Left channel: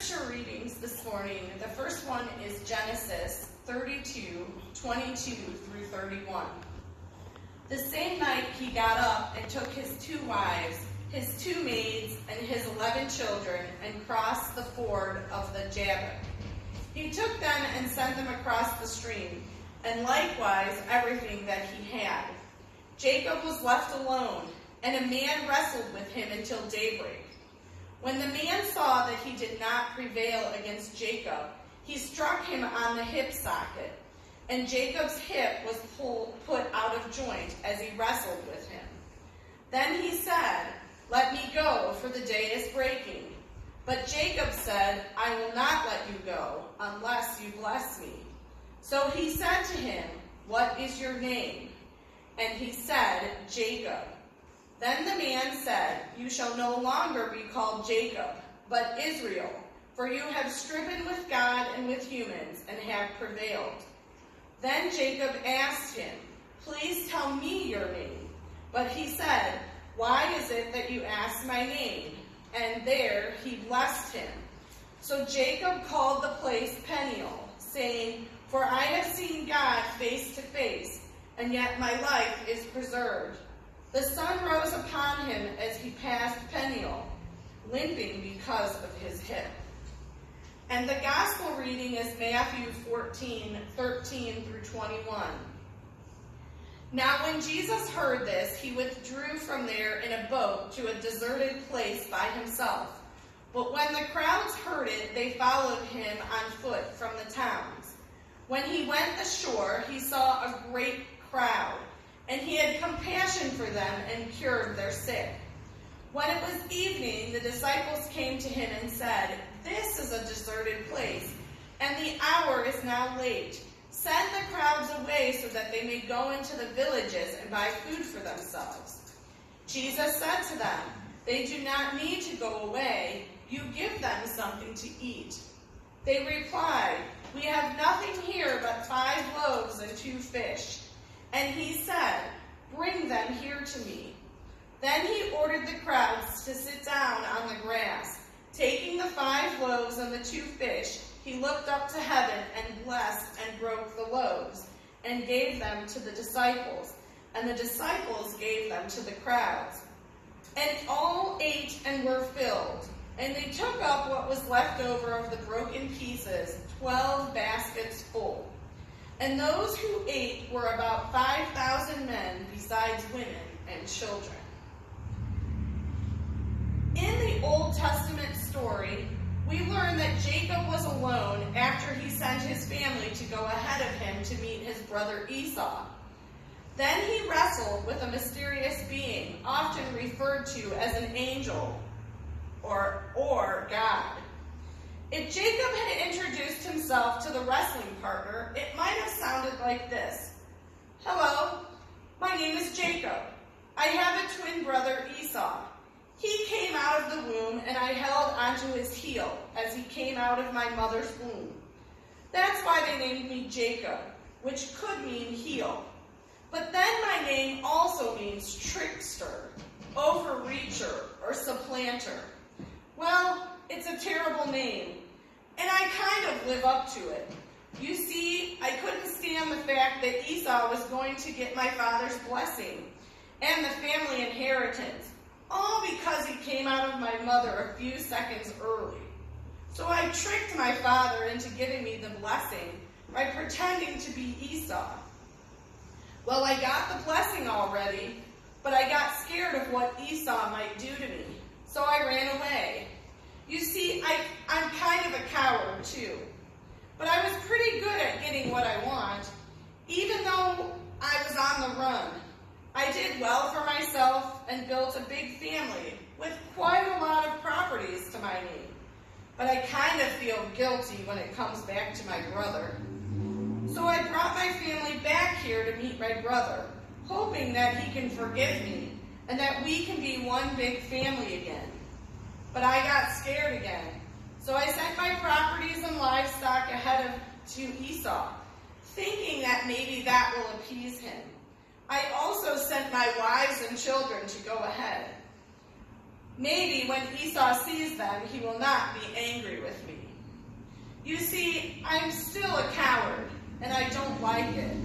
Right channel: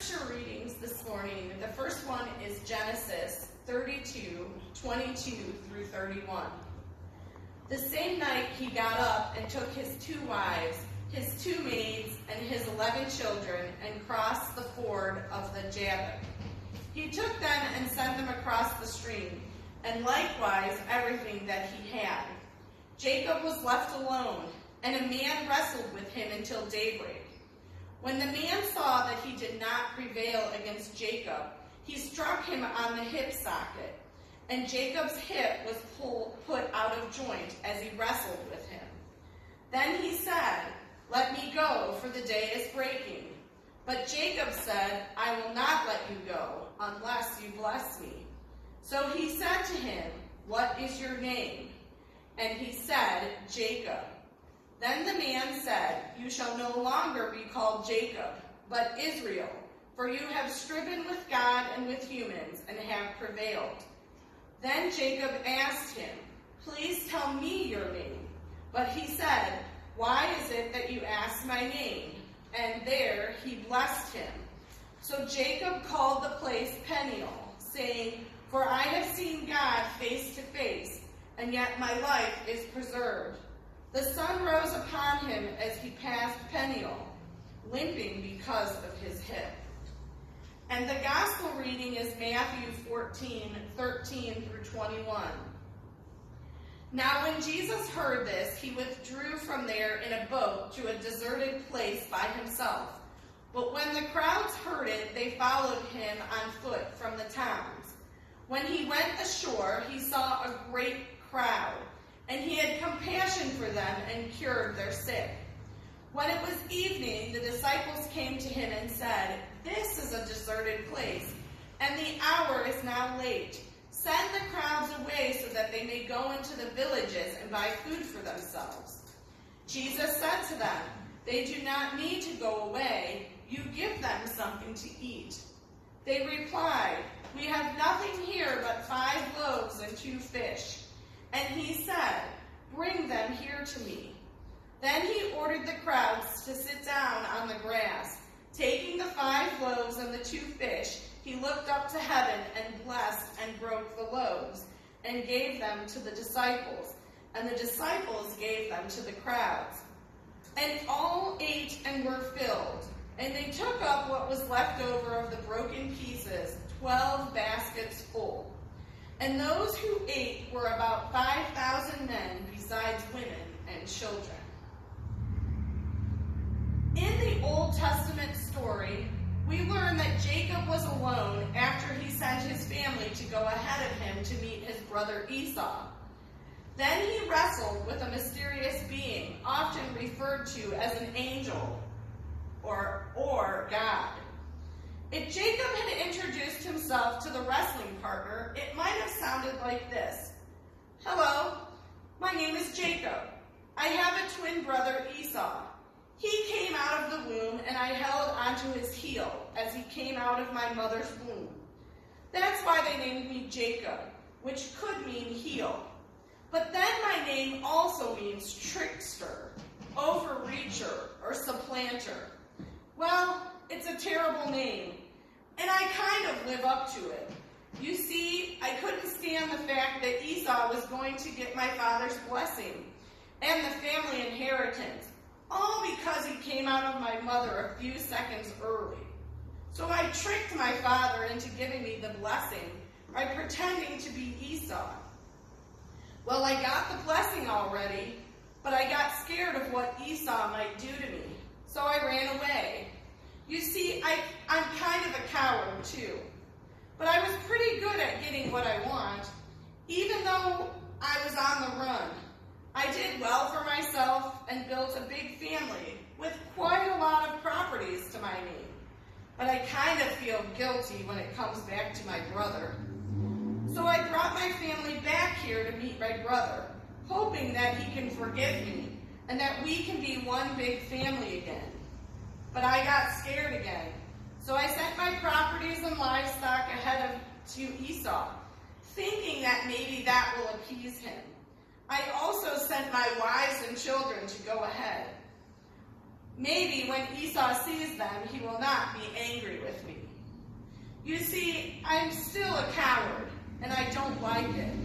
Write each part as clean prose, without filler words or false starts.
Scripture readings this morning. The first one is Genesis 32:22 through 31. The same night he got up and took his 2 wives, his 2 maids, and his 11 children, and crossed the ford of the Jabbok. He took them and sent them across the stream, and likewise everything that he had. Jacob was left alone, and a man wrestled with him until daybreak. When the man saw that he did not prevail against Jacob, he struck him on the hip socket, and Jacob's hip was put out of joint as he wrestled with him. Then he said, "Let me go, for the day is breaking." But Jacob said, "I will not let you go, unless you bless me." So he said to him, "What is your name?" And he said, "Jacob." Then the man said, "You shall no longer be called Jacob, but Israel, for you have striven with God and with humans, and have prevailed." Then Jacob asked him, "Please tell me your name." But he said, "Why is it that you ask my name?" And there he blessed him. So Jacob called the place Peniel, saying, "For I have seen God face to face, and yet my life is preserved." The sun rose upon him as he passed Peniel, limping because of his hip. And the gospel reading is Matthew 14:13 through 21. Now when Jesus heard this, he withdrew from there in a boat to a deserted place by himself. But when the crowds heard it, they followed him on foot from the towns. When he went ashore, he saw a great crowd, and he had compassion for them and cured their sick. When it was evening, the disciples came to him and said, "This is a deserted place, and the hour is now late. Send the crowds away so that they may go into the villages and buy food for themselves." Jesus said to them, "They do not need to go away. You give them something to eat." They replied, "We have nothing here but 5 loaves and 2 fish. And he said, "Bring them here to me." Then he ordered the crowds to sit down on the grass. Taking the 5 loaves and the 2 fish, he looked up to heaven and blessed and broke the loaves and gave them to the disciples, and the disciples gave them to the crowds. And all ate and were filled, and they took up what was left over of the broken pieces, 12 baskets full. And those who ate were about 5,000 men, besides women and children. In the Old Testament story, we learn that Jacob was alone after he sent his family to go ahead of him to meet his brother Esau. Then he wrestled with a mysterious being, often referred to as an angel or God. If Jacob had introduced himself to the wrestling partner, it might have sounded like this. "Hello, my name is Jacob. I have a twin brother, Esau. He came out of the womb, and I held onto his heel as he came out of my mother's womb. That's why they named me Jacob, which could mean heel. But then my name also means trickster, overreacher, or supplanter. Well, it's a terrible name, and I kind of live up to it. You see, I couldn't stand the fact that Esau was going to get my father's blessing and the family inheritance, all because he came out of my mother a few seconds early. So I tricked my father into giving me the blessing by pretending to be Esau. Well, I got the blessing already, but I got scared of what Esau might do to me. So I ran away. You see, I'm kind of a coward, too. But I was pretty good at getting what I want, even though I was on the run. I did well for myself and built a big family with quite a lot of properties to my name. But I kind of feel guilty when it comes back to my brother. So I brought my family back here to meet my brother, hoping that he can forgive me and that we can be one big family again. But I got scared again, so I sent my properties and livestock ahead to Esau, thinking that maybe that will appease him. I also sent my wives and children to go ahead. Maybe when Esau sees them, he will not be angry with me. You see, I am still a coward, and I don't like it.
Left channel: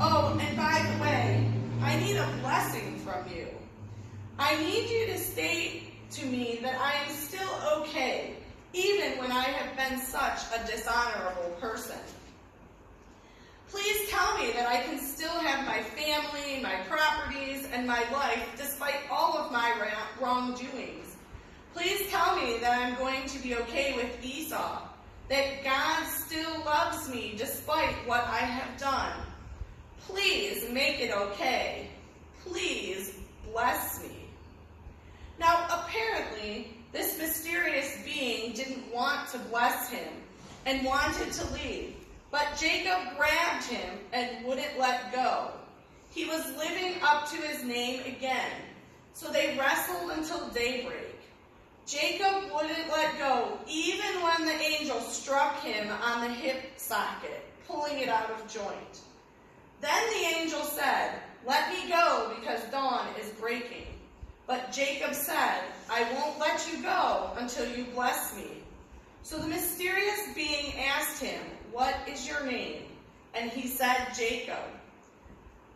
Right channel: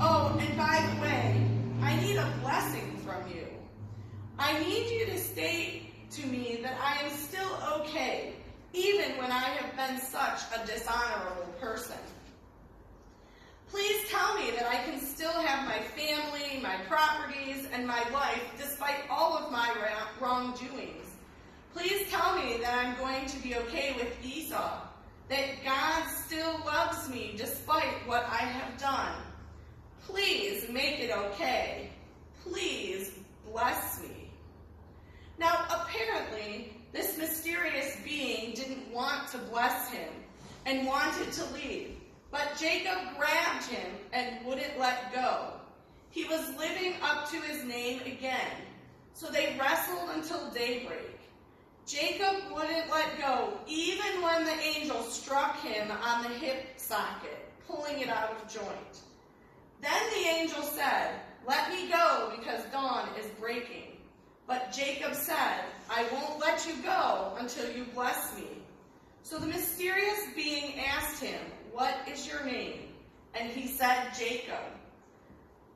Oh, and by the way, I need a blessing from you. I need you to state to me that I am still okay, even when I have been such a dishonorable person. Please tell me that I can still have my family, my properties, and my life despite all of my wrongdoings. Please tell me that I'm going to be okay with Esau, that God still loves me despite what I have done. Please make it okay. Please bless me. Now, apparently, this mysterious being didn't want to bless him and wanted to leave, but Jacob grabbed him and wouldn't let go. He was living up to his name again, so they wrestled until daybreak. Jacob wouldn't let go even when the angel struck him on the hip socket, pulling it out of joint. Then the angel said, "Let me go because dawn is breaking." But Jacob said, "I won't let you go until you bless me." So the mysterious being asked him, "What is your name?" And he said, "Jacob."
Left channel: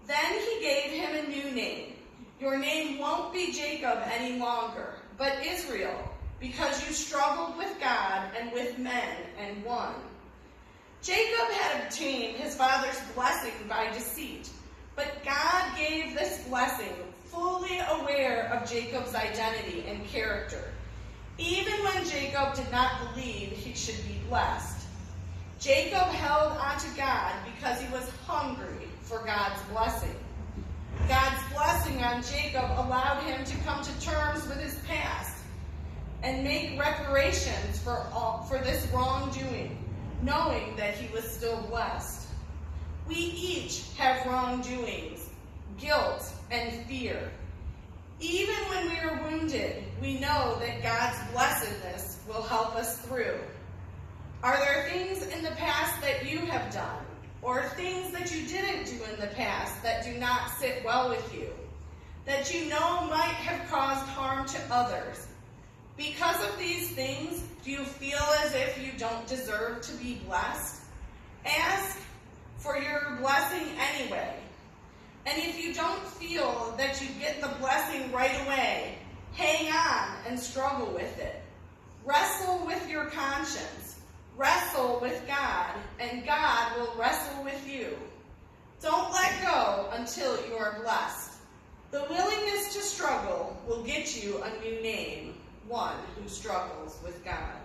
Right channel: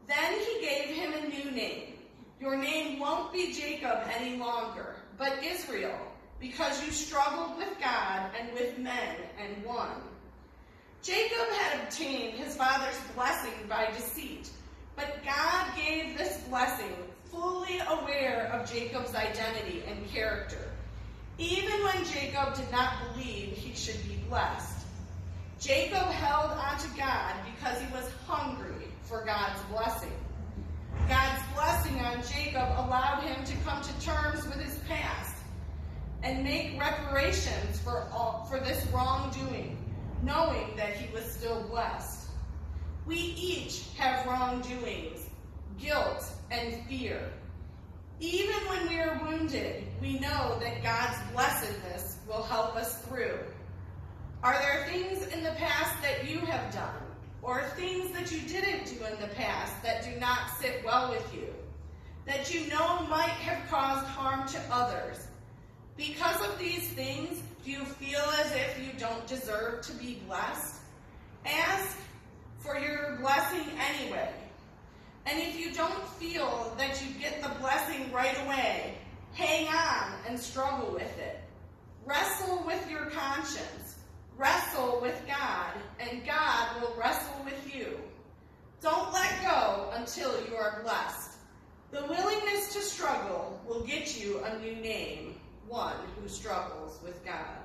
Then he gave him a new name. "Your name won't be Jacob any longer, but Israel, because you struggled with God and with men and won." Jacob had obtained his father's blessing by deceit, but God gave this blessing fully aware of Jacob's identity and character, even when Jacob did not believe he should be blessed. Jacob held on to God because he was hungry for God's blessing. God's blessing on Jacob allowed him to come to terms with his past and make reparations for this wrongdoing, knowing that he was still blessed. We each have wrongdoings, guilt, and fear. Even when we are wounded, we know that God's blessedness will help us through. Are there things in the past that you have done, or things that you didn't do in the past that do not sit well with you, that you know might have caused harm to others? Because of these things, do you feel as if you don't deserve to be blessed? Ask for your blessing anyway. And if you don't feel that you get the blessing right away, hang on and struggle with it. Wrestle with your conscience. Wrestle with God, and God will wrestle with you. Don't let go until you are blessed. The willingness to struggle will get you a new name, one who struggles with God.